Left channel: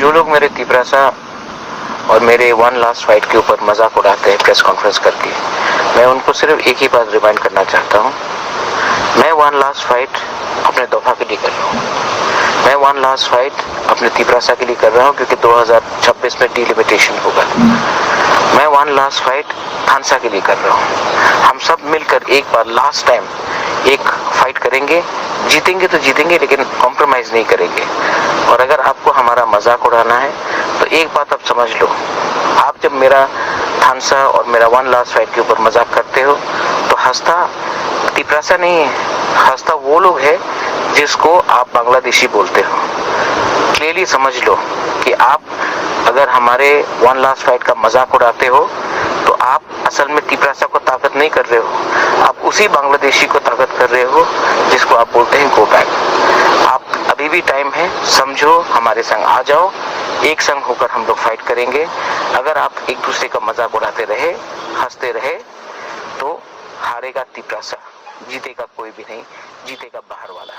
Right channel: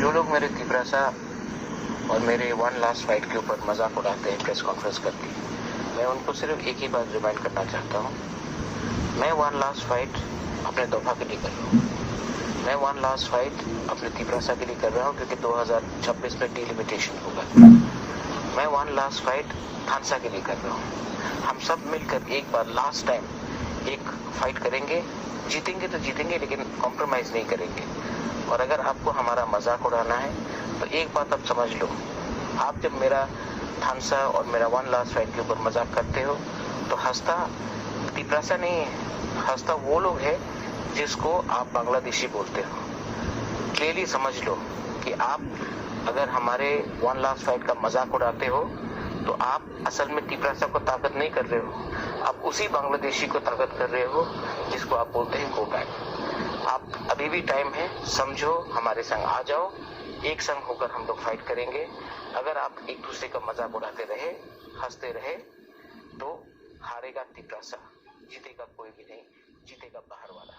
जो लोग मेरे तिपरासा और मेरे वन लास्ट फाइट के ऊपर मजाक उड़ाते हैं प्रेस कॉन्फ्रेंस करके, मैं उनको सिर्फ एक ही बात रिमाइंड करना चाहता हूँ। मैं वन लास्ट फाइट अपने दोफा के लिए कर रहा हूँ। मैं वन लास्ट फाइट अपने तिपरासा के लिए कर रहा हूँ, क्योंकि 2026 में डिलिमिटेशन होगा। मैं वन लास्ट फाइट थानसा के लिए कर रहा हूँ। हम सब मिलकर एक बार लास्ट टाइम एक फाइट करेंगे। जीतेंगे तो जीतेंगे, लेकिन कॉम्प्रोमाइज नहीं करेंगे। और अगर आपको हमारा मजाक उड़ाना है तो एक बात आप समझ लो, आप जब मेरा थानसा और मेरा वन लास्ट फाइट के ऊपर मजाक करते हो तो हंसता तिपरासा नहीं है, हंसता वो लोग है जिसको आप बांग्लादेशी बोलते हो। क्लियरली समझ लो कि आप अगर हमारे वन लास्ट फाइट का मजाक उड़ाते हो तो आप असल में तिपरासा को ताकत नहीं कर रहे हो, आप उसी बांग्लादेशी को ताकत कर रहे हो जिसको आप बोलते हैं गो बैक। आप अभी भी टाइम है, समझो, हमारे संग आ जाओ, एक संग होकर हम लोग फाइट करेंगे। अगर आप एक दूसरे का मजाक उड़ाते रहे, हंसते रहे, तो हारेगा तिपरासा, जीतेगा कोई भी नहीं, जीतेगा बाहर वाला।